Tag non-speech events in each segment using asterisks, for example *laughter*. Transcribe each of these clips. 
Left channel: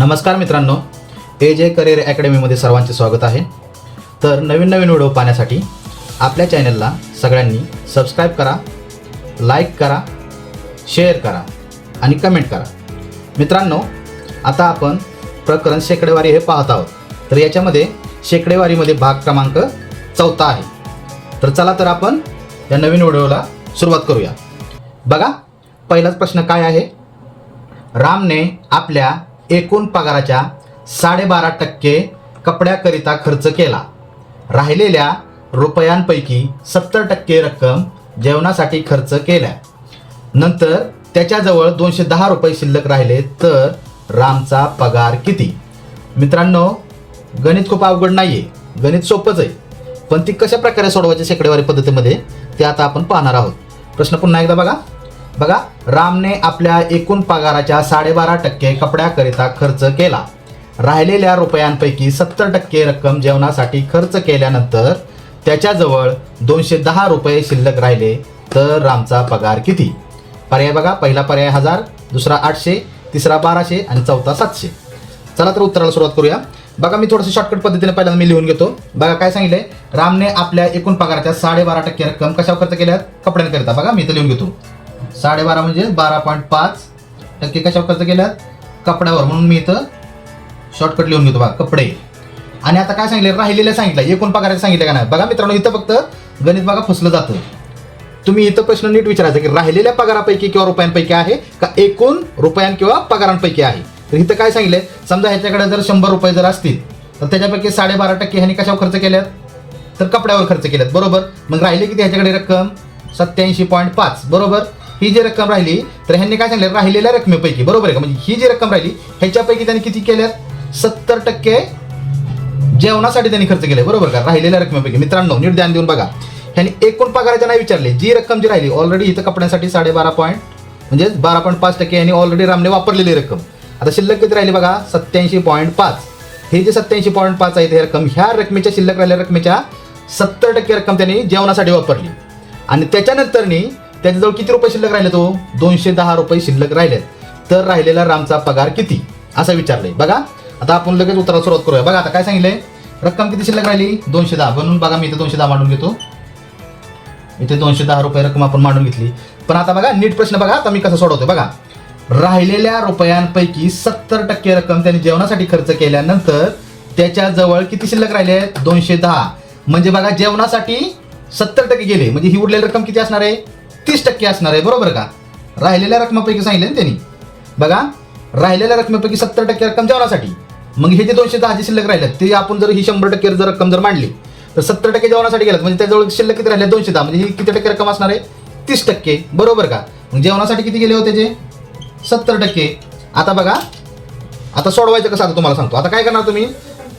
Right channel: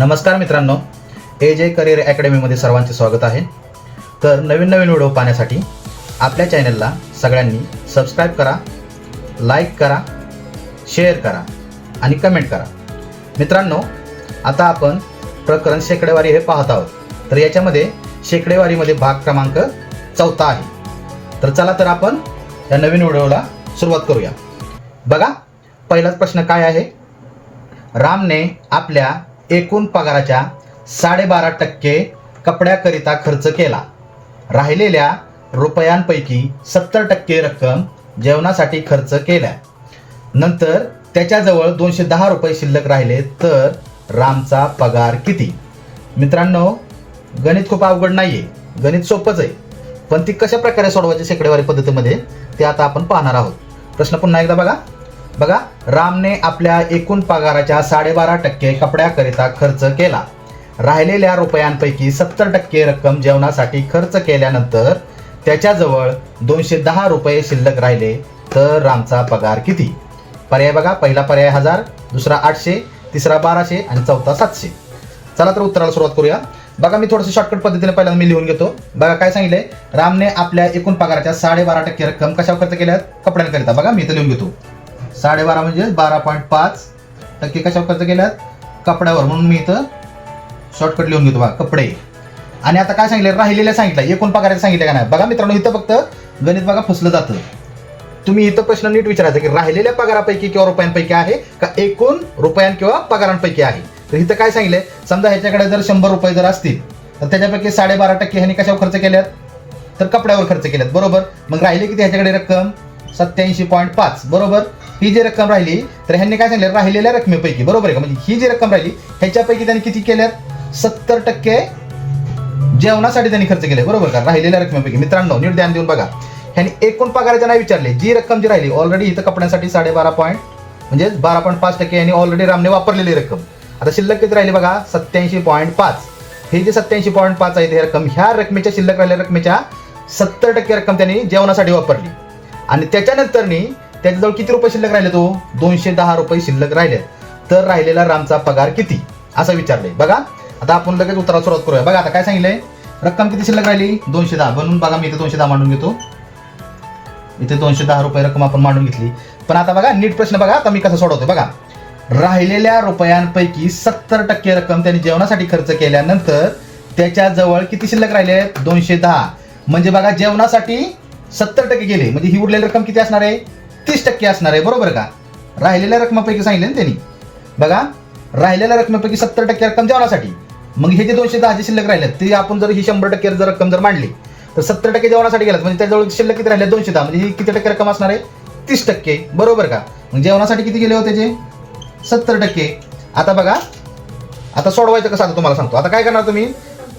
नमस्कार मित्रांनो ए जे करिअर अकॅडमीमध्ये सर्वांचे स्वागत आहे. तर नवीन नवीन व्हिडिओ पाहण्यासाठी आपल्या चॅनलला सगळ्यांनी सबस्क्राईब करा लाईक करा शेअर करा आणि कमेंट करा. मित्रांनो आता आपण प्रकरण शेकडेवारी हे पाहत आहोत. तर याच्यामध्ये शेकडेवारीमध्ये भाग क्रमांक चौथा आहे. तर चला तर आपण या नवीन व्हिडिओला सुरुवात करूया. बघा पहिलाच प्रश्न काय आहे? रामने आपल्या एकूण पगाराच्या साडेबारा टक्के कपड्याकरिता खर्च केला. राहिलेल्या रुपयांपैकी सत्तर टक्के रक्कम जेवणासाठी खर्च केला नंतर त्याच्याजवळ दोनशे दहा रुपये शिल्लक राहिले तर रामचा पगार किती? मित्रांनो गणित खूप अवघड नाहीये. गणित सोपंच आहे. पण ती कशा प्रकारे सोडवायची शेकडेवारी पद्धतीमध्ये ते आता आपण पाहणार आहोत. प्रश्न पुन्हा एकदा बघा. बघा रामने आपल्या एकूण पगाराच्या साडेबारा टक्के कपड्याकरिता खर्च केला. राहिलेल्या रुपयांपैकी सत्तर टक्के रक्कम जेवणासाठी खर्च केल्यानंतर त्याच्याजवळ दोनशे दहा रुपये शिल्लक राहिले तर रामचा पगार किती? पर्याय बघा पहिला पर्याय हजार दुसरा आठशे तिसरा बाराशे आणि चौथा सातशे. चला तर उत्तराला सुरुवात करूया. बघा मी थोडंसं शॉर्टकट पद्धतीने पहिल्यांदा मी लिहून घेतो. बघा काय सांगितलंय? रामने आपल्या एकूण पगाराच्या साडेबारा टक्के रक्कम कशावर खर्च केल्यात? कपड्यांकरिता. बघा मी इथं लिहून घेतो. साडेबारा म्हणजे बारा पॉईंट पाच टक्के कशावर खर्च केल्यात कपड्यावर. म्हणून मी इथं शॉर्टकट लिहून घेतो बघा कपडे. आणि आता काय सांगितलं राहिलेल्या सांगितलं एकूण पगाराचे सांगितलं का नाही? बघा मित्रांनो इथं फक्त गणित बघा फसलं जातं. तुम्ही इथं प्रश्न नीट विचारायचा की राहिलेल्या पगारापैकी किंवा रुपयांपैकी आहे का एकूण रुपयां किंवा पगारांपैकी आहे? तर इथं काय सांगितलंय? समजा ह्याच्याकडे जर शंभर रुपये जर असतील तर त्याच्यापैकी साडेबारा टक्के ह्याने कशावर खर्च केल्यात? तर कपड्यावर खर्च केल्यात. बरोबर? मग राहिली किती ह्याच्याकडे रक्कम? सत्याऐंशी पॉईंट पाच. बरोबर? ही जी रक्कम राहिली तर ह्यांनी काय सांगितलं? राहिलेल्या रकमेपैकी बरोबर आहे का? म्हणजे ही जी रक्कम राहिली ह्याच्यापैकी त्यांनी किती केल्यात सत्तर टक्के जेवणासाठी त्यांनी खर्च केले बरोबर का? राहिलेल्या रकमेपैकी. मित्रांनो नीट ध्यान देऊन बघा. त्यांनी एकूण पगाराच्या नाही विचारले. जी रक्कम जी राहिली ऑलरेडी इथं कपड्यासाठी साडेबारा पॉईंट म्हणजे बारा पॉईंट पाच टक्के यांनी ऑलरेडी रामने वापरलेली रक्कम. आता शिल्लक किती राहिली बघा? सत्याऐंशी पॉईंट पाच. हे जे सत्याऐंशी पॉईंट पाच आहे हे रक्कम ह्या रकमेच्या शिल्लक राहिलेल्या रकमेच्या सत्तर टक्के रक्कम त्यांनी जेवणासाठी वापरली. आणि त्याच्यानंतरनी त्यांच्याजवळ किती रुपये शिल्लक राहिले तो? दोनशे दहा रुपये शिल्लक राहिले. तर राहिलेला रामचा पगार किती? असं विचारलंय. बघा आता आपण लगेच उत्तराला सुरुवात करूया. बघा आता काय सांगितलंय? रक्कम किती शिल्लक राहिली? दोनशे दहा. म्हणून बघा मी इथे दोनशे दहा मांडून घेतो. इथे दोनशे दहा रुपये रक्कम आपण मांडून घेतली. पण आता बघा नीट प्रश्न बघा आता मी कसा सोडवतोय. बघा राहिलेल्या रुपयांपैकी सत्तर टक्के रक्कम त्यांनी जेवणासाठी खर्च केल्यानंतर त्याच्याजवळ किती शिल्लक राहिले? दोनशे दहा. म्हणजे बघा जेवणासाठी सत्तर टक्के गेले. म्हणजे ही उरलेली रक्कम किती असणार आहे? तीस टक्के असणार आहे बरोबर का? राहिलेल्या रकमेपैकी सांगितलं ना त्यांनी. बघा राहिलेल्या रकमेपैकी सत्तर टक्के रक्कम जेवणासाठी. मग हे जे दोनशे दहाचे शिल्लक राहिलं ते आपण जर ही शंभर टक्के जर रक्कम जर मांडली तर सत्तर टक्के जेवणासाठी गेलं म्हणजे त्याजवळ शिल्लक किती राहिले दोनशे दहा. म्हणजे ही किती टक्के रक्कम असणार आहे? तीस टक्के. बरोबर का? मग जेवणासाठी किती गेले होते जे? सत्तर टक्के. आता बघा आता सोडवायचं कसं आता तुम्हाला सांगतो. आता काय करणार तुम्ही?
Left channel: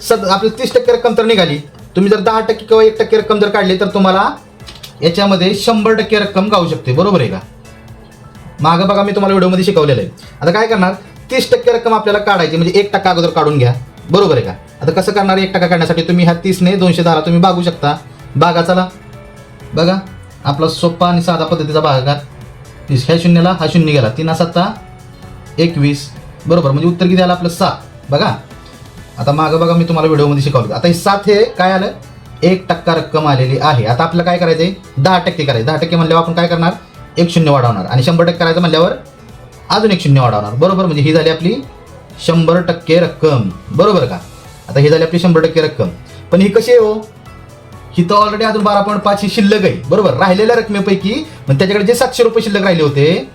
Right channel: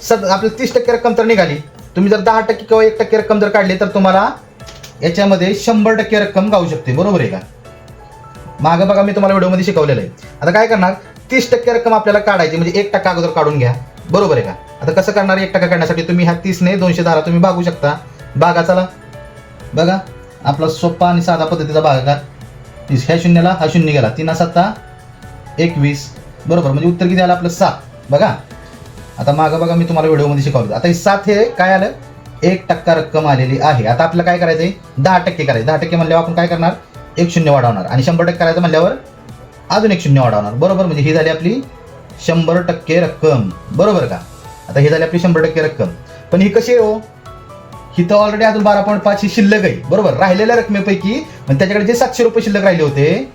सत आपली तीस टक्के रक्कम तर निघाली. तुम्ही जर दहा टक्के किंवा एक टक्के रक्कम जर काढली तर तुम्हाला याच्यामध्ये शंभर टक्के रक्कम गाऊ शकते. बरोबर आहे का? मागं बघा मी तुम्हाला व्हिडिओमध्ये शिकवलेलं आहे. आता काय करणार? तीस टक्के रक्कम आपल्याला काढायची म्हणजे एक टक्का अगोदर काढून घ्या. बरोबर आहे का? आता कसं करणार? एक टक्का काढण्यासाठी तुम्ही ह्या तीसने दोनशे दहाला तुम्ही भागू शकता. बागा चला. बघा आपला सोपा आणि साधा पद्धतीचा बागा तीस. ह्या शून्याला हा शून्य गेला. तीन सत्ता एकवीस. बरोबर. म्हणजे उत्तर किती आलं? आपलं सात. बघा. आता मागं बघा मी तुम्हाला व्हिडिओमध्ये शिकवलं. आता हे सात हे काय आलं? एक टक्का रक्कम आलेली आहे. आता आपल्याला काय करायचंय? दहा टक्के करायचं दहा टक्के म्हणल्यावर आपण काय करणार? एक शून्य वाढवणार. आणि शंभर टक्के करायचं म्हणल्यावर अजून एक शून्य वाढवणार. बरोबर? म्हणजे ही झाली आपली शंभर टक्के रक्कम. बरोबर का? आता ही झाली आपली शंभर टक्के रक्कम. पण ही कशी आहे हो? ही तर ऑलरेडी अजून बारा पॉईंट पाच ही शिल्लक आहे. बरोबर? राहिलेल्या रकमेपैकी पण त्याच्याकडे जे सातशे रुपये शिल्लक राहिले होते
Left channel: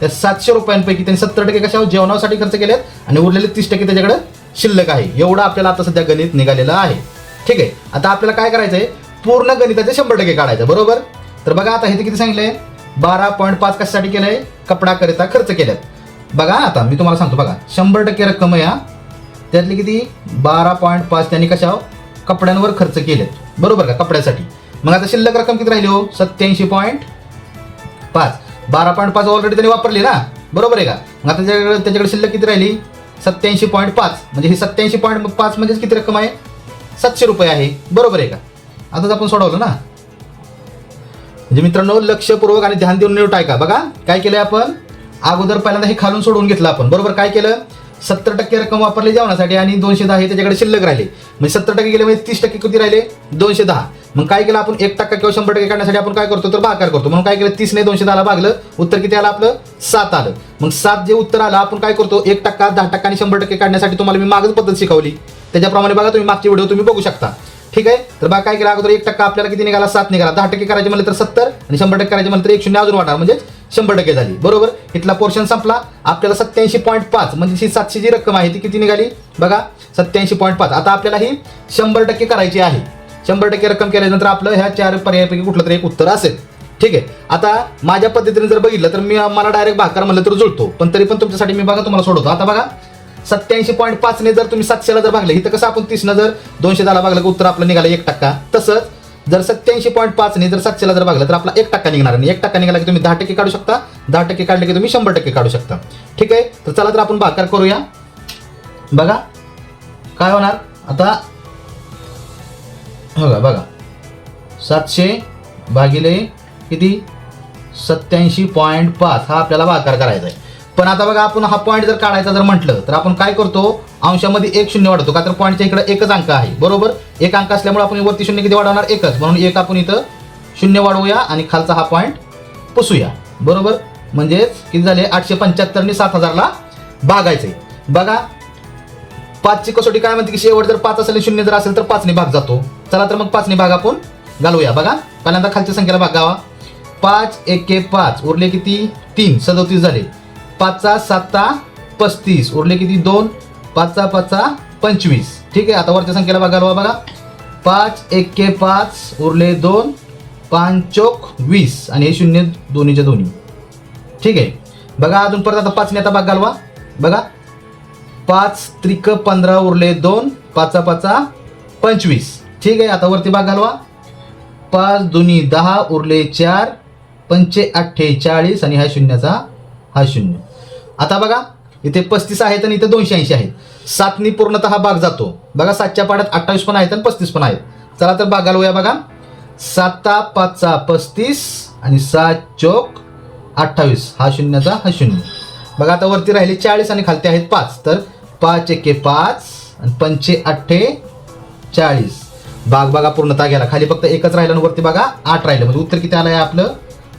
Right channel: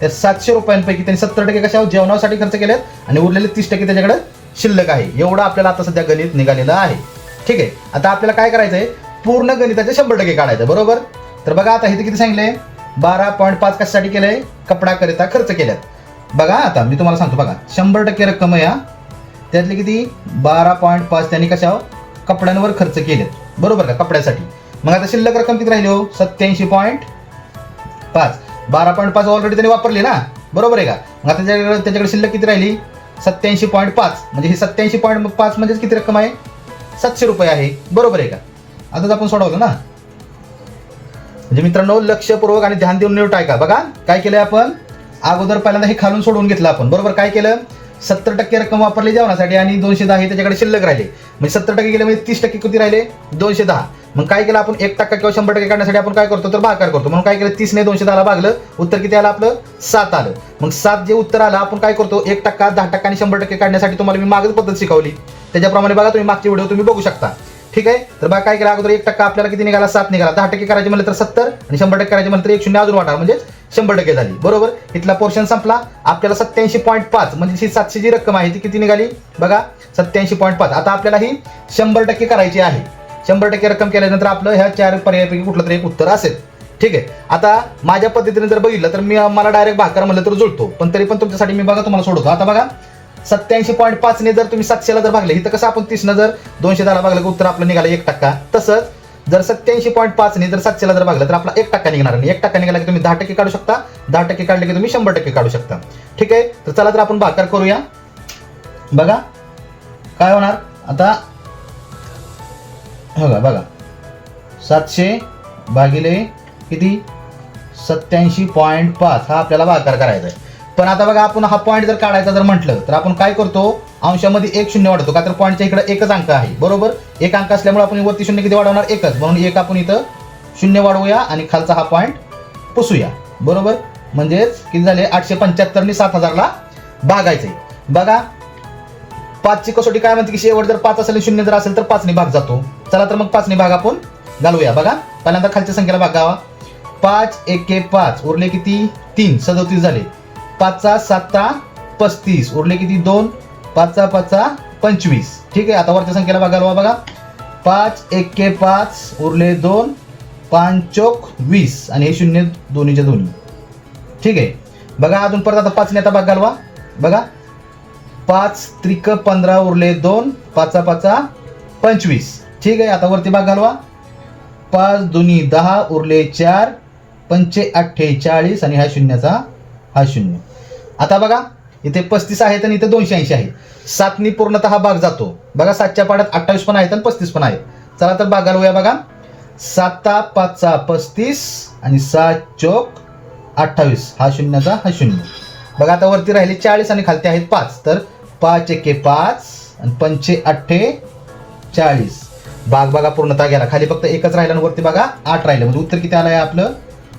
त्या सातशे रुपयांपैकी त्यांनी सत्तर टक्के कशावर? जेवणासाठी खर्च केलेत. आणि उरलेले तीस टक्के त्याच्याकडे शिल्लक आहे. एवढं आपल्याला आता सध्या गणित निघालेलं आहे. ठीक आहे. आता आपल्याला काय करायचंय? पूर्ण गणिताचे शंभर टक्के काढायचं बरोबर? तर बघा आता हे किती सांगितलंय? बारा पॉईंट पाच कशासाठी केलंय? कपड्याकरिता खर्च केल्यात. बघा आता मी तुम्हाला सांगतो बघा. शंभर टक्के रक्कम आहे हा. त्यातली किती? बारा पॉईंट पाच त्यांनी कशावर? कपड्यांवर खर्च केलेत. बरोबर का? कपड्यासाठी. मग आता शिल्लक रक्कम किती राहिली हो? सत्याऐंशी पॉईंट पाच. बारा पॉईंट पाच ऑलरेडी त्यांनी वापरली ना? बरोबर आहे का? मग आता त्याच्याकडे त्याच्याकडे शिल्लक किती राहिली? सत्याऐंशी पॉईंट पाच. म्हणजे ही सत्याऐंशी पॉईंट पाच म्हणजे किती रक्कम आहे? सातशे रुपये आहे. बरोबर आहे का? आताच आपण सोडवलं ना? म्हणजे मित्रांनो लक्षपूर्वक आणि ध्यान देऊन नीट ऐका. बघा काय केलंय आपण? अगोदर पहिल्यांदा हे खालून सोडवून घेतलं आपण. बरोबर काय केलं? सत्तर टक्के रक्कम वापरली जेवणासाठी आणि दोनशे दहा हे त्याच्याकडे शिल्लक राहिले. म्हणजे सत्तर टक्के गेले म्हणजे तीस टक्के किती राहिले? दोनशे दहा. मग काय केलं आपण? एक टक्का किंवा शंभर टक्के काढण्यासाठी आपण काय करतो? तर भागाकार करतो. म्हणून काय केलं? तीसने दोनशे दहाला भागलं. उत्तर किती आलं आपलं? सात आलं. मग सात जे उत्तर आलं आपण काय करतो? एक टक्का दहा टक्का आणि शंभर टक्के काढण्यासाठी तुम्हाला मी मागच पद्धत शिकवली. त्याच्याप्रमाणे बघा तुम्ही मागचे व्हिडिओ तुम्ही बघू शकता. ठीक आहे? तर बघा काय केलं? अगोदर एक टक्का आपल्याला किती निघाला? सात निघाला. दहा टक्के करायचे म्हणलं तर सत्तर आणि शंभर टक्के करायचे म्हणलं तर एक शून्य अजून वाढणार म्हणजे शंभर टक्के झाली. बरोबर? इथला पोर्शन संपला. आपल्याला सत्याऐंशी पॉईंट पाच म्हणजे सातशे जी रक्कम आहे ती किती निघाली? बघा सत्याऐंशी पॉईंट पाच. आता आपल्याला ही शंभर टक्के करायची आहे. शंभर टक्के रक्कम केल्यानंतर आपलं ह्या चार पर्यायपैकी कुठलं तरी एक उत्तर असेल. ठीक आहे? आता माझ्या पद्धतीने जर बघितलं तर मी मला डायरेक्ट भाकर म्हणलं तर जुळतो. पण तरी पण तुमच्यासाठी मी बघा तुम्हाला सोडवतो. आता बघा सत्याऐंशी पॉईंट पाचने जर तुम्ही सातशेला जर भागले इथं कसं आपण तीसनं जर दोनशे दहाला भागलं की उत्तर आपलं निघालं एक टक्का? तसंच जर सत्याऐंशी पॉईंट पाचने जर सातशेला जर भागलं तर आपला एक टक्का निघणार आणि एक टक्का निघाला की तुम्ही दहा टक्के काढू शकता दहा टक्के काढले की तुम्ही शंभर टक्के काढू शकता. ठीक आहे? तर चला तर आपण भाकर करूया. बघा. काय होणार? आता हो बघा बघा. सातशे भागिले किती? सत्याऐंशी पॉईंट पाच. हा आपल्याला भाकार करायचा आहे. पण आता बघा आपण हा पॉईंट जर काढायचा जर म्हटलं तर आपण काय करतो? अंशामध्ये एक शून्य वाढवतो का तर पॉईंटच्या इकडे एकच अंक आहे. बरोबर? एक अंक असल्यामुळे आपण वरती शून्य किती वाढवणार? एकच. म्हणून एक आपण इथं शून्य वाढवूया आणि खालचा हा पॉईंट पुसूया. बरोबर? म्हणजेच किती झाले? आठशे पंच्याहत्तर आणि सात हजारला भागायचे. बघा पाचची कसोटी काय म्हणते की शेवट जर पाच असेल शून्य जर असेल तर पाचने भाग जातो. चला तर मग पाचने भाग आपण घालूया. बघा पहिल्यांदा खालच्या संख्येला भागावा पाच एके पाच. उरले किती? तीन. सदोतीस झाले. पाचचा सातचा पस्तीस. उरले किती? दोन. पाचचा पाचचा पंचवीस. ठीक आहे आता वरच्या संख्येला बघा बघा पाच एके पाच. उरले दोन. पांचोक वीस. आणि हे शून्य दोन्हीच्या दोन्ही. ठीक आहे. बघा अजून परत आता पाचने आता भाग घालवा. बघा. पाच त्रिक पंधरा उरले दोन. पाचा पाचा पंचवीस. ठीक आहे आता वरती भाग घालवा. पाच दोन्ही दहा उरले चार. पंचे अठ्ठेचाळीस. आणि हा शून्याचा हा शून्य. आता बघा इथे पस्तीस आहेत आणि इथे दोनशे ऐंशी आहेत. सातनी पूर्णतः भाग जातो. बघा सातच्या पाड्यात अठ्ठावीस पण आहेत आणि पस्तीस पण आहेत. चला तर भागाला घालूया बघा. साता पाचचा पस्तीस आणि सात चोक अठ्ठावीस. हा शून्याचा हा शून्य. बघा आता वरती राहिले चाळीस आणि खालती आहेत पाच. तर पाच एके पाच आणि पंचे अठ्ठे चाळीस. भाग बघा पूर्णता गेला. खाली फक्त एकच राहिलं आणि वरती बघा आठ राहिलं. म्हणजे उत्तर किती आलं आहे आपलं?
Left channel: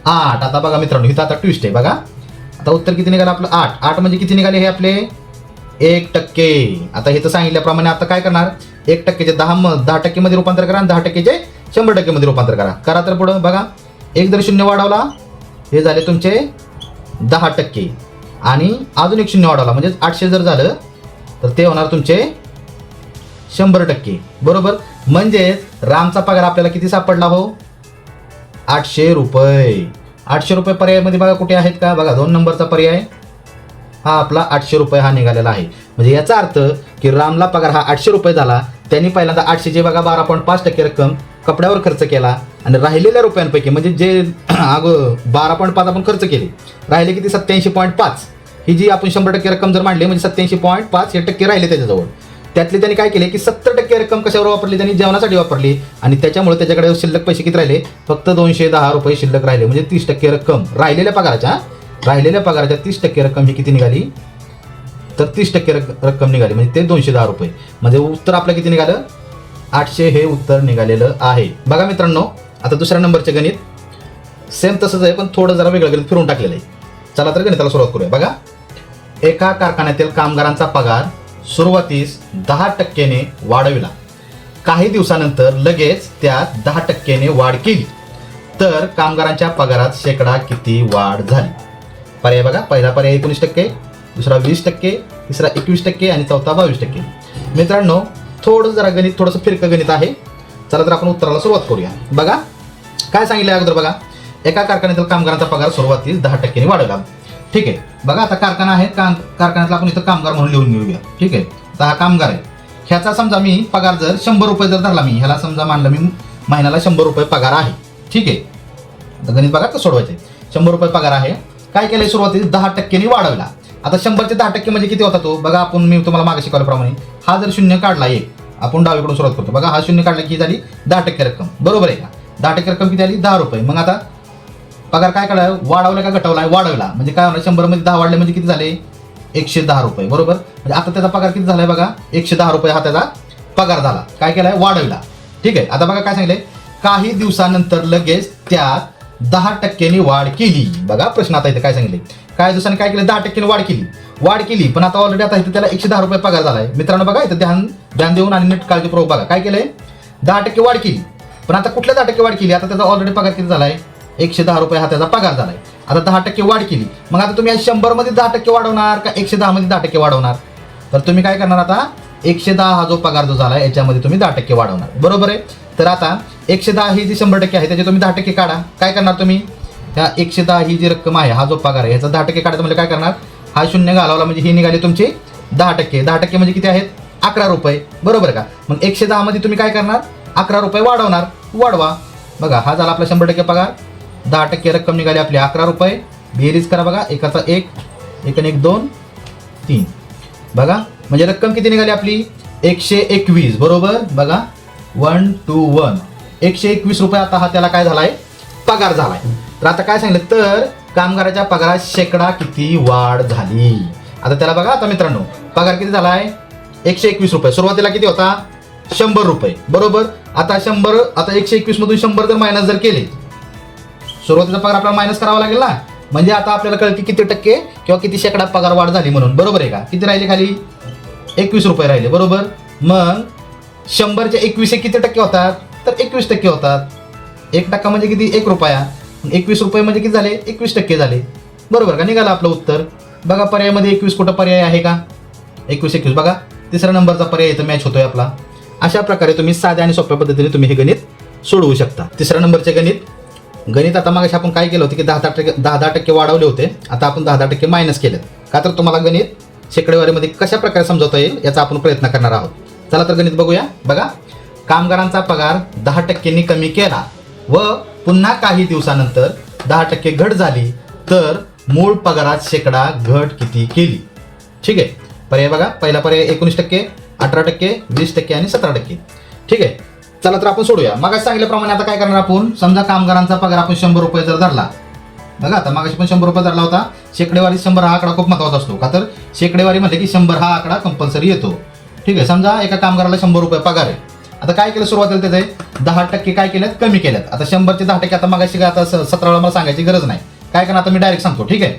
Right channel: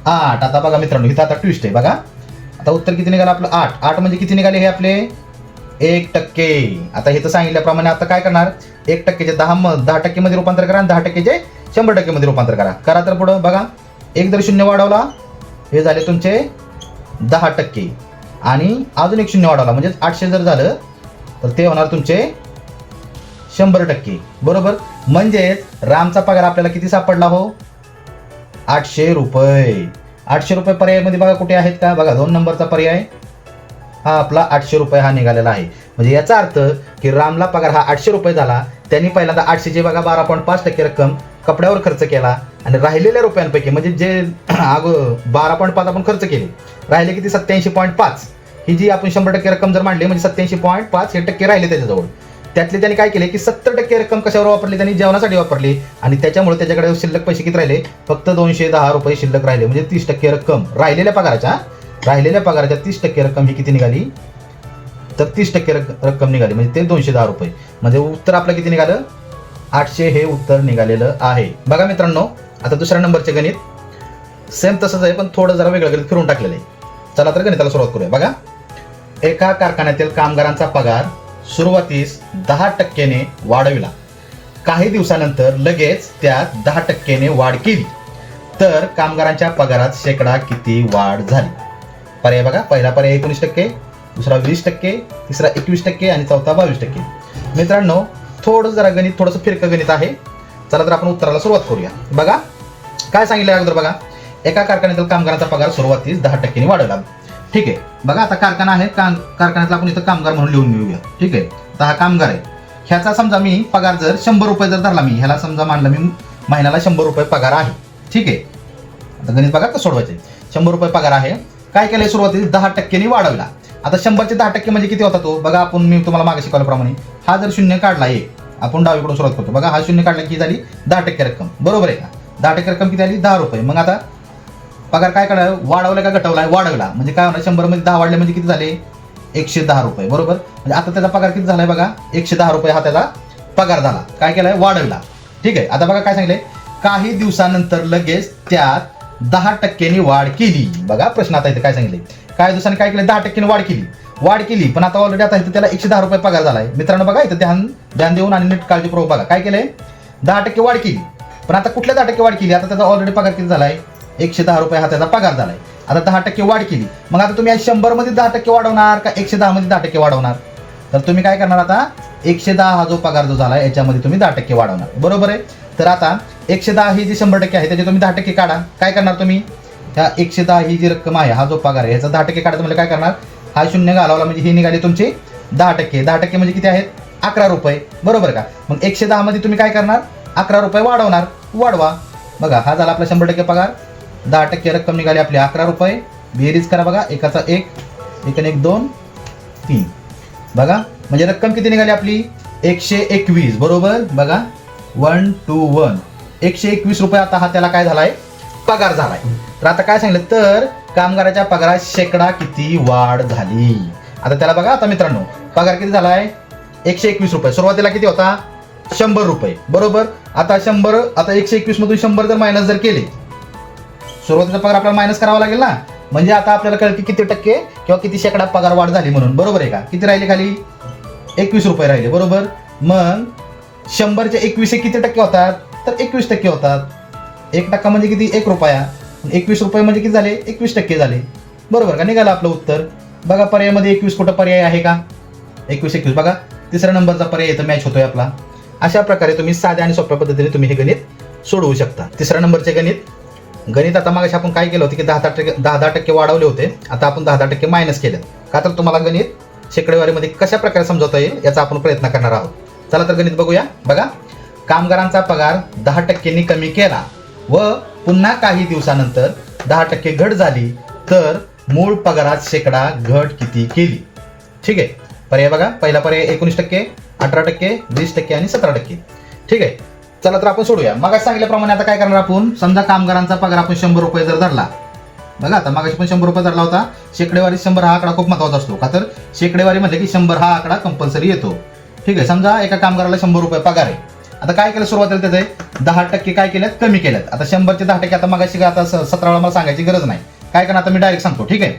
आठ. आता बघा मित्रांनो इथं आता ट्विस्ट आहे. बघा. आता उत्तर किती निघालं आपलं? आठ. आठ म्हणजे किती निघाले हे आपले? एक टक्के. आता हे तर सांगितल्याप्रमाणे आता काय करणार? एक टक्केचे दहा म दहा टक्केमध्ये रूपांतर करा आणि दहा टक्केचे शंभर टक्केमध्ये रूपांतर करा. करा तर पुढं बघा. एक जर शून्य वाढवला हे झाले तुमचे दहा टक्के. आणि अजून एक शून्य वाढवला म्हणजे आठशे जर झालं तर ते होणार तुमचे शंभर टक्के. बरोबर? म्हणजेच रामचा पगार आपल्याला किती सापडला हो? आठशे रुपये. आठशे रुपये पर्यायमध्ये बघा कुठे आहेत का? बघा दोन नंबरचा पर्याय. हा आपला आठशे रुपये हा निघालेला आहे. म्हणजे याचा अर्थ की रामला पगार हा आठशे रुपये झाला. त्यांनी पहिल्यांदा आठशेची बघा बारा पॉईंट पाच टक्के रक्कम कपड्यावर खर्च केला आणि राहिलेल्या रुपयांपैकी म्हणजे जे *clears throat* अगो बारा पॉईंट पाच आपण खर्च केले राहिले किती? सत्याऐंशी पॉईंट पाच. ही जी आपण शंभर टक्के रक्कम जर मांडली म्हणजे सत्याऐंशी पॉईंट पाच हे टक्के राहिले त्याच्याजवळ. त्यातले त्यांनी काय केले की सत्तर टक्के रक्कम कशावर वापरली? त्यांनी जेवणासाठी वापरली. आणि त्याच्यामुळे त्याच्याकडे शिल्लक पैसे किती राहिले? फक्त दोनशे दहा रुपये शिल्लक राहिले. म्हणजे तीस टक्के रक्कम. राहिलेल्या पगाराच्या राहिलेल्या पगाराच्या तीस टक्के रक्कम ही किती निघाली? तर तीस टक्के रक- रक्कम निघाली. म्हणजे ते दोनशे दहा रुपये. म्हणजे उत्तर आपलं किती निघालं? आठशे हे उत्तर निघालेलं आहे. बघा मित्रांनो आता दुसऱ्या नंबरचे गणित. सेम तसंच आहे पण थोडं जरा वेगळं गणित फिरून टाकलेलं आहे. चला तर गणिताला सुरुवात करूया. बघा. एका कारखान्यातील कामगारांचा पगार सुरुवातीस दहा टक्क्याने वाढविला. काही दिवसानंतर लगेच त्या दहा टक्क्याने वाढ केली. तर कामगारांच्या पगारात शेकडा किती वाढ झाली? पर्याय बघा पहिला पर्याय एकोणीस टक्के दुसरा वीस टक्के तिसरा एकवीस टक्के आणि चौथा बावीस टक्के. मित्रांनो थोडं जरा गणित थोडंसं फिरकं गणित आहे. चला तर आपण उत्तराला सुरुवात करूया. बघा काय सांगितलं अगोदर बघा. एका कारखान्यातील कामगारांचा पगार सुरुवातीस दहा टक्क्याने वाढवला. ठीक आहे. बघा आता कारखाना आहे काम कारखान्यातला आपण इथं कामगार म्हणून लिहून घेऊया. ठीक आहे. आता हा कामगार आहे. ह्याचा समजा मी पगार जर शंभर रुपये जर धरला मी ह्याला समजा मानलं मी महिन्याला शंभर रुपये पगार आहे. ठीक आहे. आता गणित बघा तर सोडवायचे शंभर रुपये पगार आहे. काय केलंय सुरुवातीस? दहा टक्क्याने वाढवला. आता शंभरचे दहा टक्के म्हणजे किती होता तो? बघा आपण मी तुम्हाला मागे शिकवल्याप्रमाणे हा जर शून्य काढला एक आपण डावीकडून सुरुवात करतो. बघा हा शून्य काढला की झाली दहा टक्के रक्कम. बरोबर आहे का? दहा टक्के रक्कम किती आली? दहा रुपये. मग आता पगार काय करायला वाढवला का घटवलाय वाढवला. म्हणजे काय होणार? शंभरमध्ये दहा वाढले म्हणजे किती झाले? एकशे दहा रुपये. बरोबर? म्हणजे आता त्याचा पगार किती झालाय बघा? एकशे दहा रुपये हा त्याचा पगार झाला. काय केलाय? वाढवला. ठीक आहे? आता बघा काय सांगितलंय. काही दिवसानंतर लगेच त्यात दहा टक्क्यांनी वाढ केली. बघा प्रश्न आता इथे काय सांगितले काही दिवसांनी काय केलं दहा टक्क्यांनी वाढ केली. वाढ केली. पण आता ऑलरेडी आता त्याला एकशे दहा रुपये पगार झालाय. मित्रांनो बघा इथं ध्यान ध्यान देऊन आणि नीट काळजीपूर्वक बघा. काय केलंय? दहा टक्के वाढ केली. पण आता कुठल्या दहा टक्के वाढ केली? आता त्याचा ऑलरेडी पगार किती झालाय? एकशे दहा रुपये हा त्याचा पगार झालाय. आता दहा टक्के वाढ केली. मग आता तुम्ही शंभरमध्ये दहा टक्के वाढवणार का एकशे दहा मध्ये दहा टक्के वाढवणार? तर तुम्ही काय करणार आता? एकशे दहा हा जो पगार जो झाला याच्यामध्ये तुम्ही दहा टक्के वाढवणार. बरोबर आहे? तर आता एकशे दहा ही जी शंभर टक्के आहे त्याचे तुम्ही दहा टक्के काढा. काय करणार तुम्ही? त्या एकशे दहा ही जी रक्कम आहे हा जो पगार आहे याचा दहा टक्के काढायचं म्हणजे काय करणार? हा शून्य घालवला म्हणजे ही निघाली तुमचे दहा टक्के. दहा टक्के म्हणजे किती आहेत? अकरा रुपये. बरोबर का? मग एकशे दहा मध्ये तुम्ही काय करणार? अकरा रुपये वाढवणार. वाढवा. बघा हा झाला आपला शंभर टक्के पगार. दहा टक्के रक्कम निघाली आपली अकरा रुपये. बेरीज करा बघा एकाचा एक एक आणि एक दोन तीन. बघा म्हणजे रक्कम किती निघाली आपली? एकशे एकवीस बरोबर? बघा वन टू वन एकशे एकवीस रुपये आता हा त्याला काय झालाय? पगार झालाय. तर आता काय सांगितलं? तर कामगाराच्या पगारात शेकडा किती वाढ झाली? आता त्याला बघा आता मित्रांनो पगार किती झालाय? एकशे एकवीस रुपये. सुरुवातीला किती होता? शंभर रुपये. बरोबर? आता शंभर आता एकशे एकवीस मधून शंभर जर मायनस जर केले सुरुवातीचा पगार आपल्याला मायनस करावा लागेल ना? म्हणजे आता आपल्याला कळते किती टक्के किंवा किती शेकडा पगार वाढ झाली म्हणून. बरोबर आहे का? किती राहिले खाली? एकवीस रुपये राहिले बरोबर? मग शंभरचे एकवीस किती टक्के होतात? तर एकवीस टक्के होतात. एक टक्का म्हणजे किती? एक रुपया. एकवीस रुपये म्हणजे किती झाले? एकवीस टक्के झाले. बरोबर का? निघालं आपलं उत्तर. बघा पर्यायामध्ये एकवीस कुठं पर्याय आहे का? एकवीस एकवीस. बघा तिसऱ्या नंबरचा पर्याय येतो मॅच होतोय आपला. अशा प्रकारे तुम्ही साध्या आणि सोप्या पद्धतीने तुम्ही हे गणित सोडवू शकता. तिसऱ्या नंबरचे गणित गणित आता मग आपण काय केलं होतं की दहा दहा टक्के दहा दहा टक्के वाढवले होते. आता आपण दहा दहा टक्के मायनस केले. का तर तुम्हाला गणित शेकडेवारीमध्ये कशा प्रकारे समजवता येईल याचा आपण प्रयत्न करणार आहोत. चला तर गणित बघूया. बघा कामगारांचा पगार दहा टक्क्यांनी कमी केला व पुन्हा काही दिवसानंतर दहा टक्के घट झाली तर मूळ पगारात शेकडा घट किती केली? ठीक आहे? पर्याय बघा. पहिला पर्याय एकोणीस टक्के अठरा टक्के वीस टक्के आणि सतरा टक्के. ठीक आहे? चला तर आपण सोडूया. मग सांगितल्याप्रमाणे आता काय करणार आपण? समजा कामगारांचा पगार आपण शंभर रुपये जर धरला. बघा आता मगाशी पण शंभर रुपये धरला होता. शेकडेवारी शंभर हा आकडा खूप महत्त्वाचा असतो. का तर शेकडेवारी म्हणजे की शंभर हा आकडा कंपल्सरी येतो. ठीक आहे समजा एका कामगाराला शंभर रुपये पगार आहे. आता काय केलं सुरुवातीला त्याचे? दहा टक्के काय केलेत? कमी केलेत. आता शंभर ते दहा टक्के आता मागाशी आता सतरा मला सांगायची गरज नाही. काय करणार? आता मी डायरेक्ट सांगतो. ठीक आहे?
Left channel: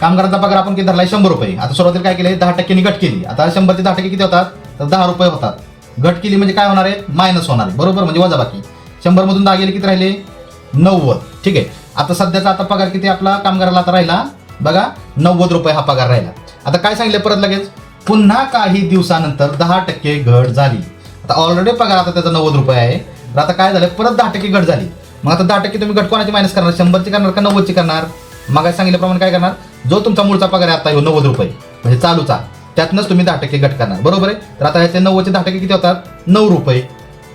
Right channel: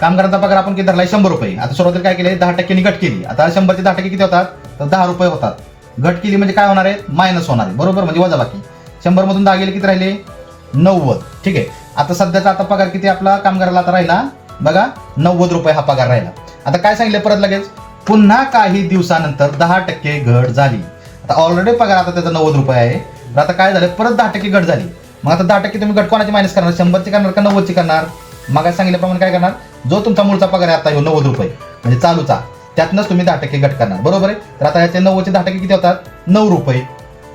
कामगारांचा पगार आपण किती धरलाय? शंभर रुपये. आता सुरुवातीला काय केले दहा टक्क्यांनी कट केली. आता शंभर ते दहा टक्के किती होतात? तर दहा रुपये होतात. घट केली म्हणजे काय होणार आहे? मायनस होणार आहे. बरोबर? म्हणजे वजाबाकी शंभर मधून दहा गेले किती राहिले? नव्वद. ठीक आहे. आता सध्याचा आता पगार किती आपला? कामगाराला आता राहिला. बघा नव्वद रुपये हा पगार राहिला. आता काय सांगितलं परत लगेच? पुन्हा काही दिवसानंतर दहा टक्के घट झाली. आता ऑलरेडी पगार आता त्याचा नव्वद रुपये आहे. आता काय झालं? परत दहा टक्के घट झाली. मग आता दहा टक्के तुम्ही घट कोणाची मायनस करणार? शंभरची करणार का नव्वदची करणार? मग सांगितल्याप्रमाणे काय करणार? जो तुमचा मूळचा पगार आहे आता ह्यो नव्वद रुपये. म्हणजे चालूचा. त्यातनंच तुम्ही दहा टक्के घट करणार. बरोबर आहे? तर आता याचे नव्वदचे दहा टक्के किती होतात? नऊ रुपये.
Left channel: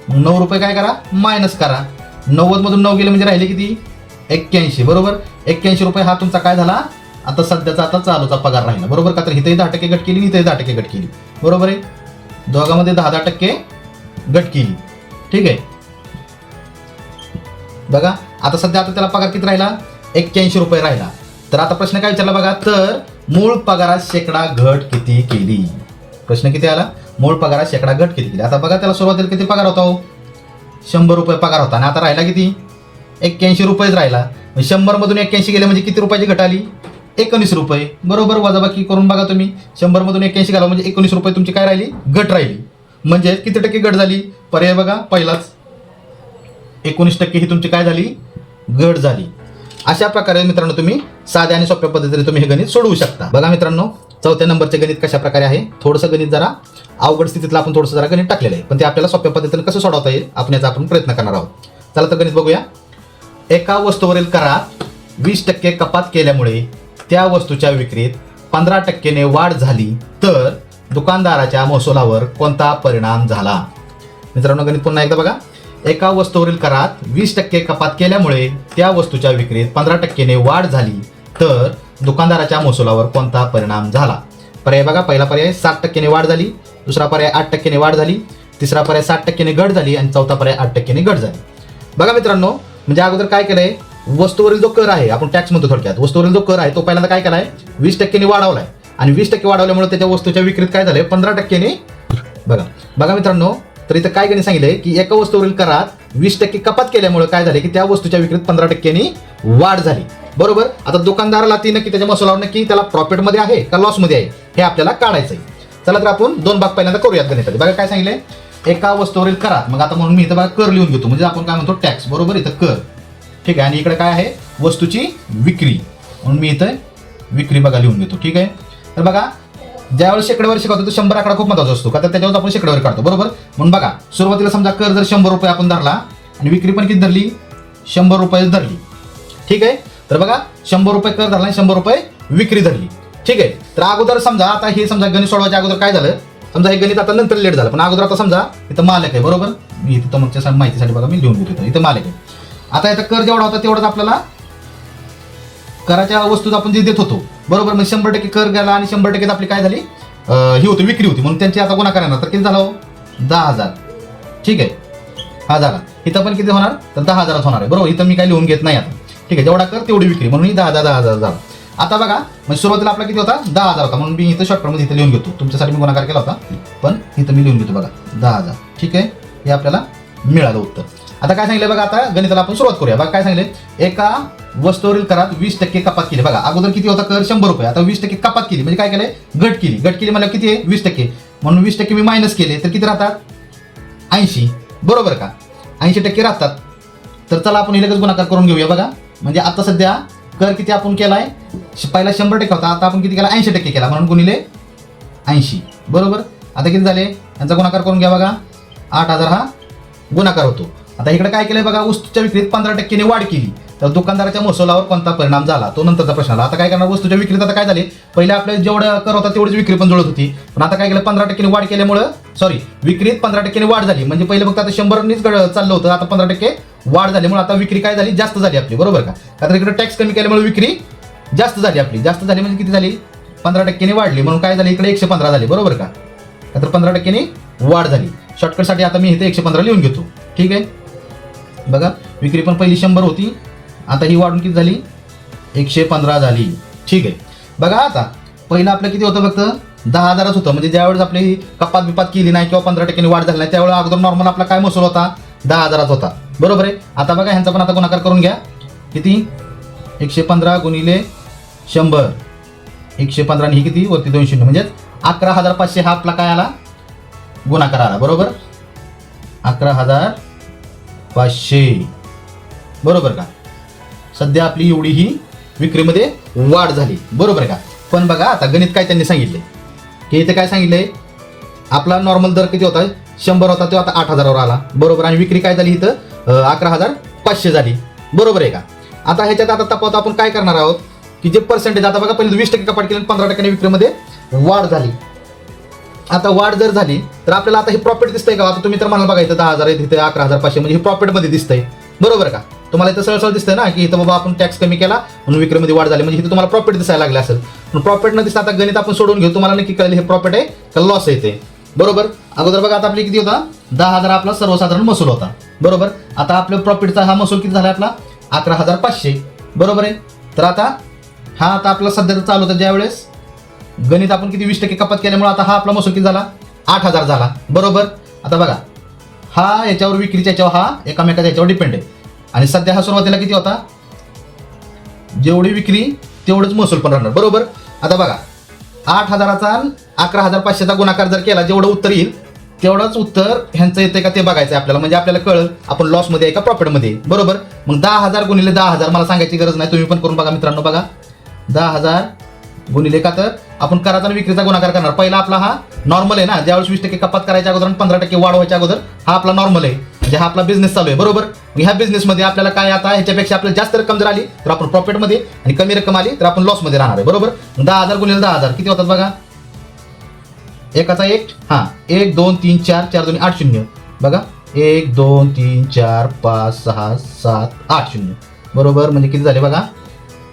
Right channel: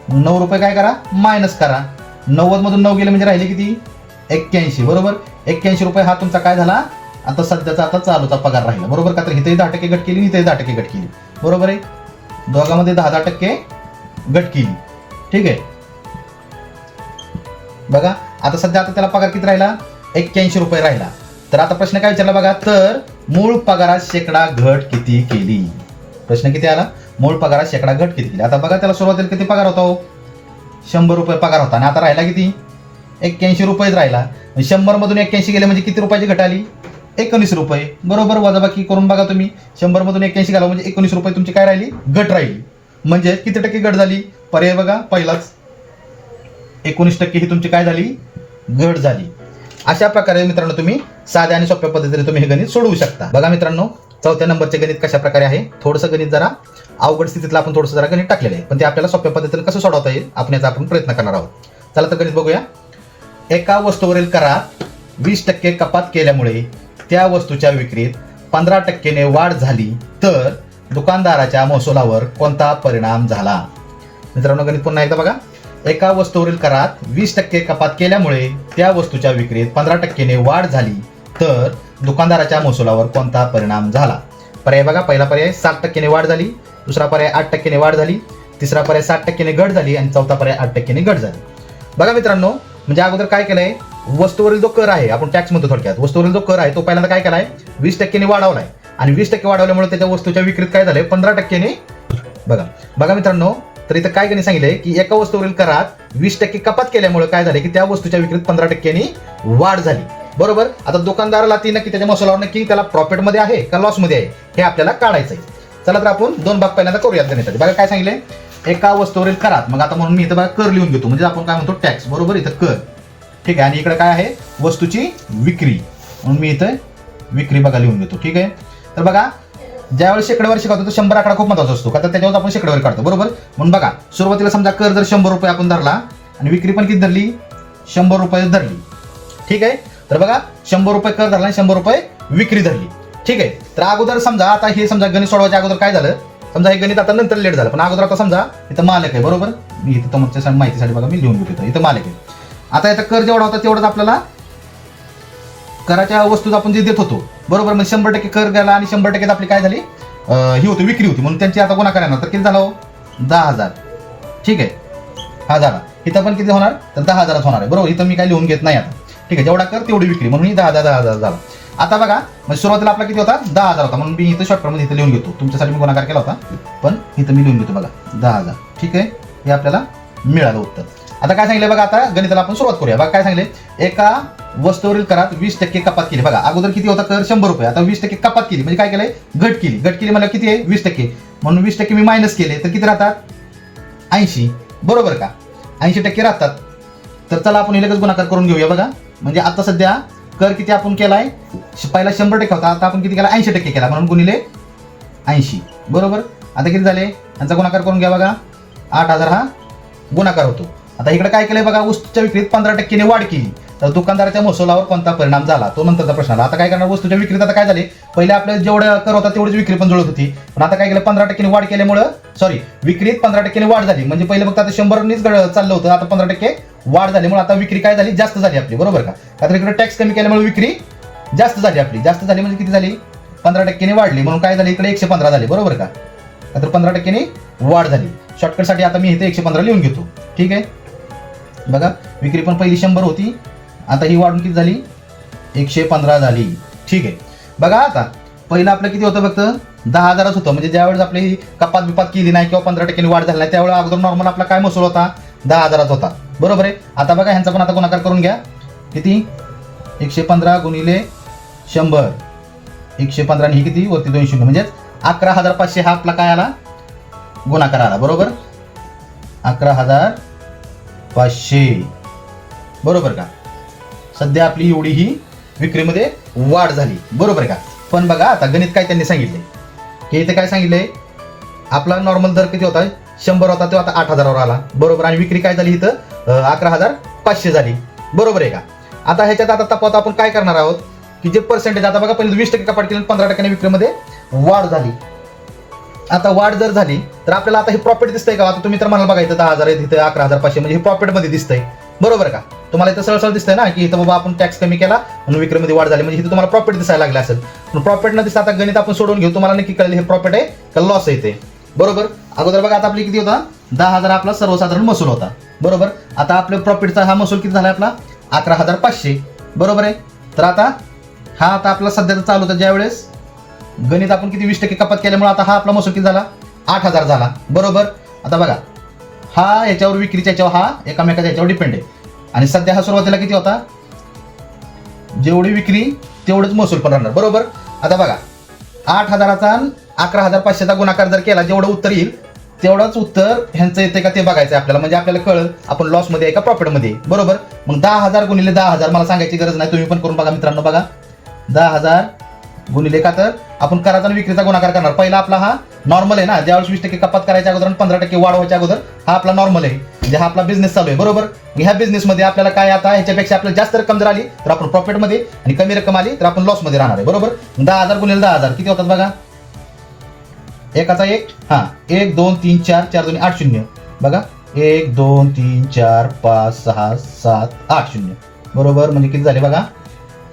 नऊ रुपये काय करा? मायनस करा. नव्वद मधून नऊ गेले म्हणजे राहिले किती? एक्क्याऐंशी. बरोबर? एक्क्याऐंशी रुपये हा तुमचा काय झाला? आता सध्याचा आता चालूचा पगार राहिला. बरोबर का? तर इथे दहा टक्के घट केली इथे दहा टक्के घट केली. बरोबर आहे? दोघांमध्ये दहा दहा टक्के घट केली. ठीक आहे? बघा. आता सध्या आता त्याला पगार किती राहिला? एक्क्याऐंशी रुपये राहिला. तर आता प्रश्न काय विचारला बघा? तर मूळ पगारात शेकडा घट किती केली? प्रश्न किती आला? मूळ पगारात शेकडा घट किती केली? आता बघा त्याला सुरुवातीला किती पगार होता हो? शंभर रुपये पगार होता. आणि आता राहिला किती? एक्क्याऐंशी रुपयेच राहिला. शंभर मधून एक्क्याऐंशी गेले म्हणजे किती रुपयाची घट आली? एकोणीस रुपये. बरोबर वजाबाकी करून बघा तुम्ही. शंभर मधून एक्क्याऐंशी घाला म्हणजे एकोणीस रुपये तुमची काय राहिली? घट राहिली. म्हणजे किती टक्के घट झाली? पर्याय बघा. पहिलाच. एकोणीस टक्के ही तुमची काय झाली? घट झाली. अशा प्रकारे मित्रांनो तुम्ही साध्या आणि सोप्या पद्धतीने तुम्ही हे गणित सोडवू शकता. बघा मित्रांनो चौथ्या नंबरचे गणित कशा प्रकारे आहे? थोडंसं गणित जरा अवघड स्थितीतलं आपण थोडंसं जरा गणित टाकलेलं आहे. पण ते आपल्याला सोप्या पद्धतीने कसं सोडवता येईल आपण याचा आपण प्रयत्न करणार आहोत. चला तर गणित बघूया. एका वस्तूवरील करात वीस टक्के कपात केल्यामुळे त्या वस्तूच्या विक्रीत पंधरा टक्केने वाढ झाली तर दुकानदाराच्या महसुलावर कोणता परिणाम झाला? मित्रांनो गणित पुन्हा एकदा बघा. एका वस्तूवरील करात वीस टक्के कपात केल्यामुळे त्या वस्तूच्या विक्रीत पंधरा टक्केने वाढ झाली तर दुकानदाराच्या महसुलावर कोणता परिणाम झाला? पर्याय बघा. पहिला पर्याय सात टक्क्याने वाढ झाली. दुसरा पर्याय आठ टक्क्याने वाढ झाली. तिसरा पर्याय सात टक्क्याने घट झाली. आणि चौथा पर्याय आठ टक्क्याने घट झाली. बघा मित्रांनो म्हणजे अगोदर काय केलंय? वस्तूवरील जो कर आहे आपण टॅक्स म्हणतो थोडक्यात. वस्तूवरील जो कर आहे तो पहिल्यांदा काय केलाय? वीस टक्क्याने वाढवलाय. आणि वीस टक्के वाढवल्यामुळे त्याच्या वस्तूच्या विक्रीत काय झालंय? पंधरा टक्क्याने बघा. बघा मित्रांनो तर इथं काय त्यांनी सांगितलंय? की एका वस्तूवरील करात वीस टक्के कपात केल्यामुळे काय झाले की त्या वस्तूच्या विक्रीत पंधरा टक्क्यांनी वाढ झाली. बरोबर? आता दुकानदाराला ती नक्की त्याच्या मसोलावर नक्की त्याला प्रॉफिटमध्ये आहे का लॉसमध्ये आहे हे आपल्याला काढायचं आहे चला तर आपण दोन भाग पहिल्यांदा करूयात गणिताचे बघा काय सांगितलंय? एका वस्तूवरील करात मग आता म्हणून मी इथं बघा कर लिहून घेतो. म्हणजे आपण काय म्हणतो? टॅक्स बरोबर? इथं कर. ठीक आहे? आणि इकडे काय आहे? वस्तूची विक्री. म्हणून मी इथं विक्री बघा लिहून घेतो. ठीक आहे? तर बघा ज्यावेळेस शेकड्यावर शिकवतो तो शंभर आकडा खूप महत्त्वाचा असतो. का तर त्याच्यावर आपण शेकड्यावर काढतो. बरोबर? म्हणून बघा सुरुवातीला समजा कर जर शंभर रुपये आपण धरला आणि विक्री पण किती धरली? शंभर रुपये धरली. ठीक आहे? तर बघा शंभर रुपये कर धरला शंभर रुपये विक्री धरली. ठीक आहे? तर अगोदर समजा आता हे समजा गणित सोडवायच्या अगोदर काय झालं? समजा हे गणित आता नंतर लेट झालं पण अगोदर आता समजा इथं मालक आहे बरोबर? मी इथं तुमच्या माहितीसाठी बघा मी लिहून घेतो इथं. मालक आहे. आता इथं कर जेवढा होता तेवढाच आपल्याला कराच्या वस्तू आपण जे देत होतो. बरोबर? मग शंभर टक्के कर गेला आणि शंभर टक्के आपली काय झाली? ही होती विक्री होती. म्हणून त्यांची आता गुन्हा येणार. तर किती झालं? दहा हजार. ठीक आहे? हा झाला. इथं पण किती होणार? तर दहा हजारात होणार आहे. बरोबर? इथं मी काही लिहून घेत नाही आता. ठीक आहे जेवढा कर तेवढी विक्री. म्हणून दहा दहा हजार दहा हजार झाला आता बघा म्हणजे सुरुवातीला आपला किती होता? दहा हजार होता. म्हणून मी इथं शॉर्टकट इथं लिहून घेतो. तुमच्यासाठी मी गुणाकार केला होता. पण इथं मी लिहून घेतो बघा. दहा हजार. ठीक आहे? हे आपल्याला मिळालं उत्तर. आता काय सांगितलं बघा आता? गणिताला आपण सुरुवात करूया. बघा काय सांगितलं एका वस्तूवरील करात वीस टक्के कपात केली. बघा अगोदर किती होता कर? शंभर रुपये. आता वीस टक्के कपात केली. म्हणजे काय केलंय? गट केली. गट केली म्हणजे किती आहे? वीस टक्के. म्हणून वीस टक्के मी मायनस केले. तर किती राहतात? ऐंशी. बरोबर का? ऐंशी टक्के राहतात. तर चला आपण हे लगेच गुणाकार करून घेऊया बघा. म्हणजे आता सध्या कर किती आपण केलाय? पहिला शंभर टक्के होता आता आपण किती केला? ऐंशी टक्के केला. म्हणून गुणिले ऐंशी. बरोबर? आता किती झाले? यांचा गुणाकार करून घ्या बघा. आठ हजार हा गुणाकार होतो. आता इकडे काय केलंय बघा? वस्तूच्या विक्रीत पंधरा टक्केने वाढ केली. तर दुकानदाराच्या महसुलावर कोणता परिणाम झाला? तो नंतरचा प्रश्न आला. आता काय करणार? वस्तूच्या विक्रीत आता काय झाले? पहिले आपल्याला जेवढं कर होता तेवढीच विक्री पण जुळत होती. पण आता काय केलं? पंधरा टक्क्याने वाढ केल्यामुळं सॉरी विक्रीत पंधरा टक्क्याने वाढ झाली. म्हणजे पहिले फक्त आता शंभरनीच चाललं होतं. आता पंधरा टक्के वाढ झाली. म्हणून आता विक्री काय झाली? जास्त झाली आपली. बरोबर का? आता इकडे टॅक्स कमी केल्यामुळे विक्री जास्त झाली आपली. जास्त झाली म्हणजे किती झाली? पंधरा टक्क्याने वाढली. म्हणून काय झाली? इकडे एकशे पंधरा झाली. बरोबर का? तर पंधरा टक्क्याने वाढ झाली. शॉर्टकटसाठी आता मी इथे एकशे पंधरा लिहून घेतो. ठीक आहे? बघा. विक्री पण पहिली शंभर होती. आता ही वाढून किती झाली? एकशे पंधरा झाली. ठीक आहे. बघा आता पहिलं आपलं किती होतं फक्त? दहा हजारच होतं. म्हणजे ज्यावेळेस आपली कपात बिपात केली नाही किंवा पंधरा टक्क्यांनी वाढ झाली नाही त्यावेळेस अगोदर नॉर्मल आपला काय महसूल होता? दहा हजाराचा होता. बरोबर आहे? आता बघा ह्यांचा पण आता गुणाकार करून घ्या. किती? एकशे पंधरा गुणिले शंभर. एकशे पंधरा आणि ही किती? वरती दोनशे शून्य. म्हणजेच अकरा हजार पाचशे हा आपला काय आला? गुणाकार आला. बरोबर? अकरा हजार पाचशे. बरोबर का? सध्या आपली एवढी ही विक्रीमध्ये वाढ झाली. बरोबर का? पण बघा आता गणित काय त्यांनी सांगितले? की इथे काय सांगितलंय आपला नॉर्मल दर किती होता? शंभर होता तो आता आठ हजारावर आला. बरोबर आणि विक्री काय झाली इथं? अकरा हजार पाचशे झाली. बरोबर आहे का? आता ह्याच्यात आता तपावत आपण काय करणार आहोत? की जे पर्सेंटेज आता बघा पहिले वीस टक्के कपाट पंधरा टक्क्याने विक्रीमध्ये वाढ झाली. आता वाढ जर झाली तर आपल्याला आता हे प्रॉफिट दिसतंय का? आता तुम्ही तर मला बघा इथं दहा हजार आहे तिथे अकरा हजार पाचशे म्हणजे हे प्रॉफिटमध्ये दिसतंय. बरोबर का? तुम्हाला इथं सरळ दिसतंय ना की इथं बाबा आपण टॅक्स कमी केला म्हणून विक्रीमध्ये वाढ झाली. म्हणजे इथं तुम्हाला प्रॉफिट दिसायला लागला असेल. पण प्रॉफिट न दिसता आता गणित आपण सोडून घेऊ. तुम्हाला नक्की कळेल हे प्रॉफिट आहे का लॉस आहे ते. बरोबर? अगोदर बघा आता आपली किती होता? दहा हजार आपला सर्वसाधारण महसूल होता. बरोबर? आता आपल्या प्रॉफिटचा हा महसूल किती झाला आपला? अकरा हजार पाचशे. बरोबर आहे? तर आता हा आता आपला सध्याचा चालू होता ज्यावेळेस. गणित आपण किती वीस टक्के कपात केल्यामुळे आता हा आपला महसूल किती झाला? आठ हजार झाला. बरोबर? आता बघा हा याच्यावर विक्रीच्या याच्यावर हा एकामेकाच्या याच्यावर डिपेंड आहे. आणि सध्या हा सुरुवातीला किती होता? जेवढी विक्री तेवढंच महसूल पण राहणार. बरोबर? आता बघा आठ हजाराचा अकरा हजार पाचशेचा गुणाकार जर केला जेवढं उत्तर येईल तेवढाच उत्तर ह्यांचं येते का ते बघायचं आहे आपल्याला. म्हणजे आपल्याला कळलं आपण लॉसमध्ये आहे का प्रॉफिटमध्ये बरोबर? मग दहा हजार गुणिले दहा हजार मला सांगायची गरज नाही. तुम्ही पण करून बघा मित्रांनो बघा. दहा हजार गुणिले का तर आपण कराचा आणि विक्रीचा गुणाकार करणार. पहिला आपला हा नॉर्मल आहे ना? ज्यावेळेस वीस टक्के कपात करायच्या अगोदर आणि पंधरा टक्के वाढवायच्या अगोदर हा आपला नॉर्मल आहे. म्हणजे हा आपला बिझनेस चालू आहे बरोबर? ह्या business मध्ये आपल्याला काय आता? ह्याच्यापेक्षा आपल्याला जास्त रक्कम जर आली तर आपण प्रॉफिटमध्ये आणि कमी रक्कम आली तर आपण लॉसमध्ये राहणार आहे बरोबर? दहा हजार गुणिले दहा हजार किती होतात बघा? एकाचा एक हा एक दोन तीन चार चार दोन आठ शून्य. बघा एक दोन तीन चार पाच सहा सात आठ शून्य. बरोबर? म्हणजे किती झाले बघा?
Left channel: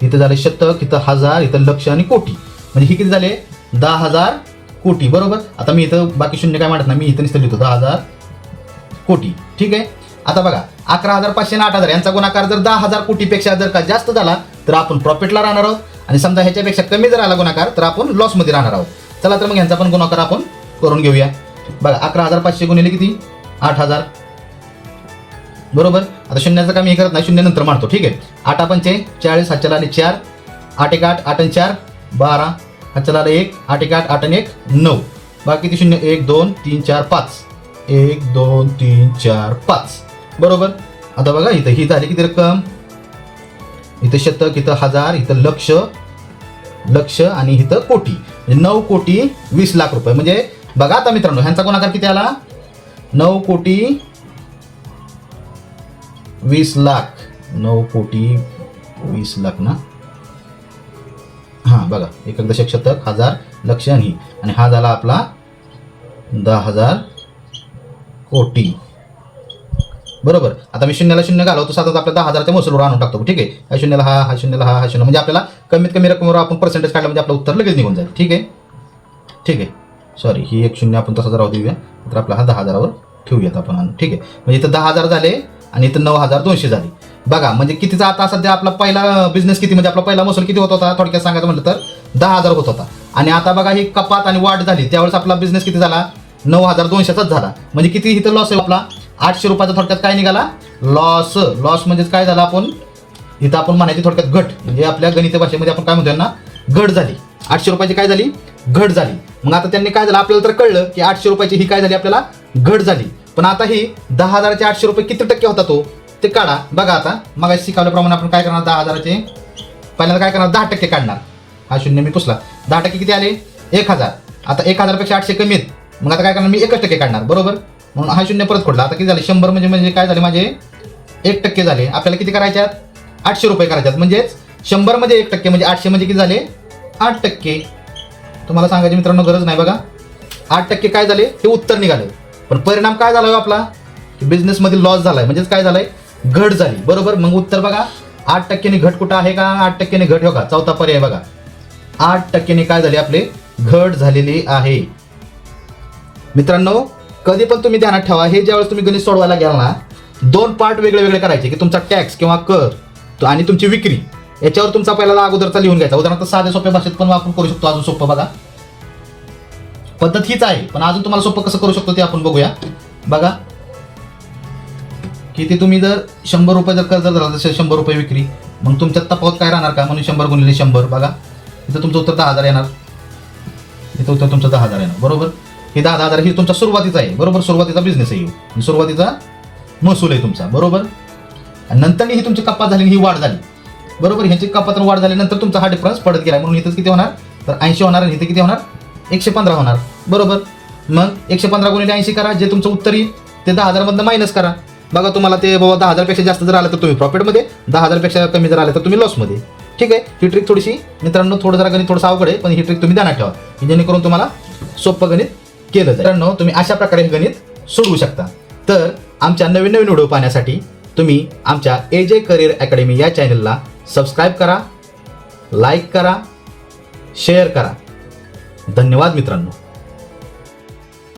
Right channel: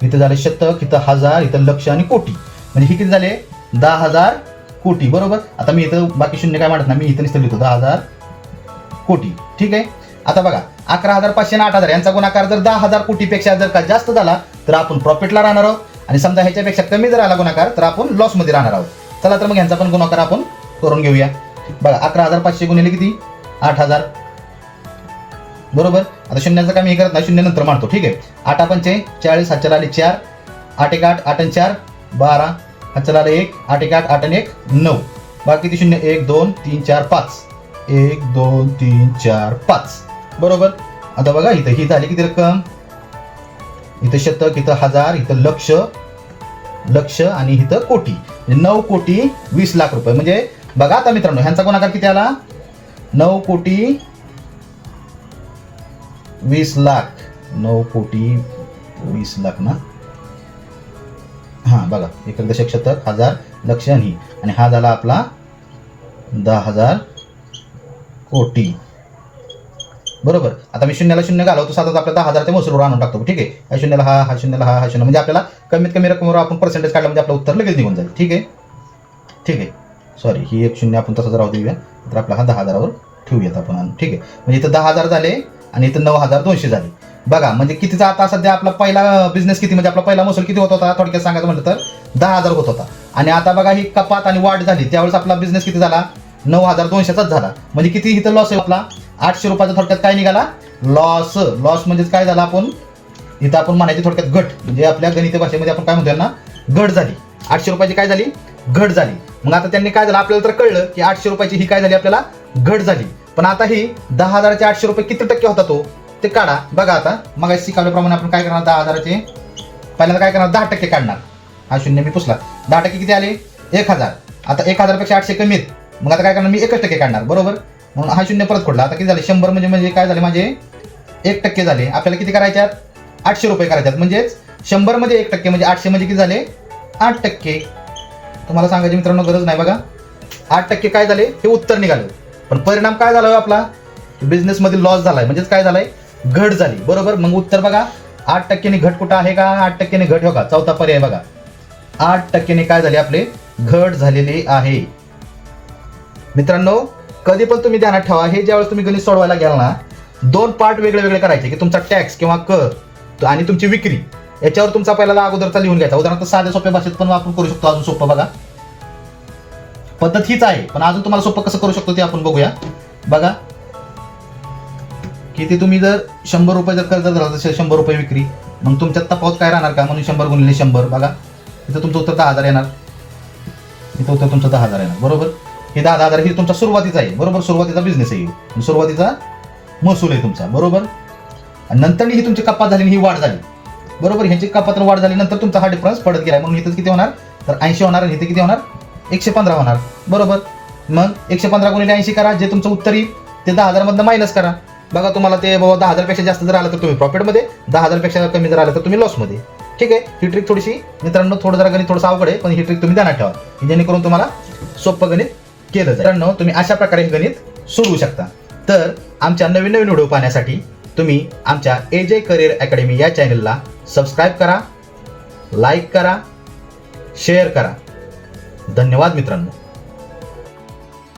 इथं झालं शतक इथं हजार इथं लक्ष आणि कोटी. म्हणजे हे किती झाले? दहा हजार कोटी बरोबर? आता मी इथं बाकी शून्य काय म्हणत नाही मी इथं निसतं लिहितो दहा हजार कोटी. ठीक आहे? आता बघा अकरा हजार पाचशे आणि आठ हजार यांचा गुणाकार जर दहा हजार कोटीपेक्षा जर का जास्त झाला तर आपण प्रॉफिटला राहणार आहोत. आणि समजा ह्याच्यापेक्षा कमी जर आला गुणाकार तर आपण लॉसमध्ये राहणार आहोत. चला तर मग ह्यांचा पण गुणाकार आपण करून घेऊया. बघा अकरा हजार पाचशे गुणिले किती? आठ हजार. बरोबर? आता शून्याचं काम हे करत नाही शून्य नंतर मानतो ठीक आहे? आठ पंचे चाळीस हातच्या आले चार आठ एक आठ आठ आणि चार बारा हातच्या आले एक आठ एक आठ आठ आणि एक नऊ. बाकी किती शून्य? एक दोन तीन चार पाच. एक दोन तीन चार पाच. बरोबर? आता बघा इथं ही झाली किती रक्कम? इथं शतक इथं हजार इथं लक्ष. लक्ष आणि इथं कोटी. म्हणजे नऊ कोटी वीस लाख रुपये. म्हणजे बघा आता मित्रांनो ह्यांचा गुणाकार किती आला? नऊ कोटी वीस लाख. नऊ कोटी वीस लाख ना? हां बघा एक दशक शतक हजार लक्ष आणि आणि हा झाला आपला दहा हजार कोटी. बरोबर? आता मी शून्याला शून्य घालवतो साधारण आपल्या दहा हजारच्या महसूलवर आणून टाकतो ठीक आहे? या शून्याला हा हा शून्याला हा हा शून्य. म्हणजे आपल्याला कमीत कमी रकमेवर आपण पर्सेंटेज काढलं म्हणजे आपलं उत्तर लगेच निघून जाईल ठीक आहे? ठीक आहे. सॉरी ही एक शून्य आपण तसं राहू देऊया. तर आपला हा दहा हजारावर ठेवूयात आपण. आणून. ठीक आहे. म्हणजे इथं दहा हजार झाले आणि इथं नऊ हजार दोनशे झाले. बघा म्हणजे कितीचा आता सध्या आपला पहिला बिझनेस किती? म्हणजे आपला पहिला महसूल किती होत होता? थोडक्यात सांगायचं म्हटलं तर दहा हजार होत होता. आणि आता बघा ही कपात आणि वाढ झाली. त्यावेळेस आपला बिझनेस किती झाला? नऊ हजार दोनशेचाच झाला. म्हणजे किती इथं लॉस आहे आपला? आठशे रुपयाचा थोडक्यात काय निघाला? लॉस लॉस म्हणजेच काय झाला आपण? इथं आपण म्हणायचे थोडक्यात घट. म्हणजे आपल्या गणिती भाषेमध्ये आपण काय म्हणतोय ना घट झाली. आठशे रुपयाची काय झाली? घट झाली. मग आता त्यांनी काय झालं? आपल्याला तर कळलं की आठशे रुपयाची ही काय झाली आपल्याला? घट झाली. पण आता ही दहा हजाराचे आठशे रुपये किती टक्के होता तो ते काढा. बघा आता मग शिकवल्याप्रमाणे आपण काय करणार? दहा हजाराचे पहिल्यांदा काय करणार? दहा टक्के काढणार. हा शून्य मी पुसला. दहा टक्के किती आले? एक हजार. आता एक हजारपेक्षा आठशे कमी आहेत. मग आता काय करणार? मी एकच टक्के काढणार. बरोबर? म्हणून हा शून्य परत पडला आता किती झाले? शंभर म्हणजे म्हणजे काय झाले? माझे एक टक्के झाले. आपल्याला किती करायच्या आठशे रुपये करायच्यात. म्हणजेच शंभरमध्ये एक टक्के म्हणजे आठशे म्हणजे किती झाले? आठ टक्के. तुम्हाला सांगायचे मित्रांनो गरज नाही बघा. आठ टक्के काय झाले? हे उत्तर निघालं. पण परिणाम काय झाला हो आपला? बिझनेस मध्ये लॉस झालाय. म्हणजेच काय झालंय? घट झाली. बरोबर? मग उत्तर बघा. आठ टक्क्याने घट कुठं आहे का? आठ टक्क्याने घट हो का? चौथा पर्याय बघा. आठ टक्क्याने काय झाली आपली? घट झालेली आहे. मित्रांनो कधी पण तुम्ही ध्यानात ठेवा. हे ज्यावेळेस तुम्ही गणित सोडवायला घ्याल ना दोन पार्ट वेगळे वेगळे करायचे की तुमचा टॅक्स किंवा कर तो आणि तुमची विक्री. याच्यावर तुमचा पहिला अगोदरचा लिहून घ्यायचा. उदाहरणार्थ साध्या सोप्या भाषेत पण वापर करू शकतो. अजून सोपं बघा. पद्धत हीच आहे. पण अजून तुम्हाला सोपं कसं करू शकतो ते आपण बघूया. बघा. की ते तुम्ही जर शंभर रुपये जर खर्च झाला जसं शंभर रुपये विक्री मग तुमच्या तफावत काय राहणार का? म्हणून शंभर गुणिले शंभर बघा. इथं तुमचं उत्तर दहा हजार येणार. इथं उत्तर तुमचं दहा हजार येणार. बरोबर? हे दहा हजार ही तुमचा सुरुवातीचा आहे. बरोबर? सुरुवातीचा बिझनेस आहे. सुरुवातीचा महसूल आहे तुमचा. बरोबर? आणि नंतर ही तुमची कपात झाली ही वाढ झाली. बरोबर? ह्याची कपात वाढ झाल्यानंतर तुमचा हा डिफरन्स पडत गेला. म्हणून इथं किती होणार? तर ऐंशी होणार आणि इथे किती होणार? एकशे पंधरा होणार. बरोबर? मग एकशे पंधरा गुणिले ऐंशी करा जे तुमचं उत्तर येईल ते दहा हजारमधनं मायनस करा. बघा तुम्हाला ते बाबा दहा हजारपेक्षा जास्त जर आलं तर तुम्ही प्रॉफिटमध्ये दहा हजारपेक्षा कमी जर आलं तर तुम्ही लॉसमध्ये ठीक आहे? ही ट्रिक थोडीशी मित्रांनो थोडं जरा गणित थोडंसं अवघड आहे पण ही ट्रिक तुम्ही ध्यानात ठेवा. जेणेकरून तुम्हाला सोपं गणित केलं मित्रांनो तुम्ही अशा प्रकारे हे गणित सोडवू शकता. तर आमच्या नवीन नवीन व्हिडिओ पाहण्यासाठी तुम्ही आमच्या ए जे करिअर अकॅडमी या चॅनलला सबस्क्राईब करा लाईक करा शेअर करा. धन्यवाद मित्रांनो.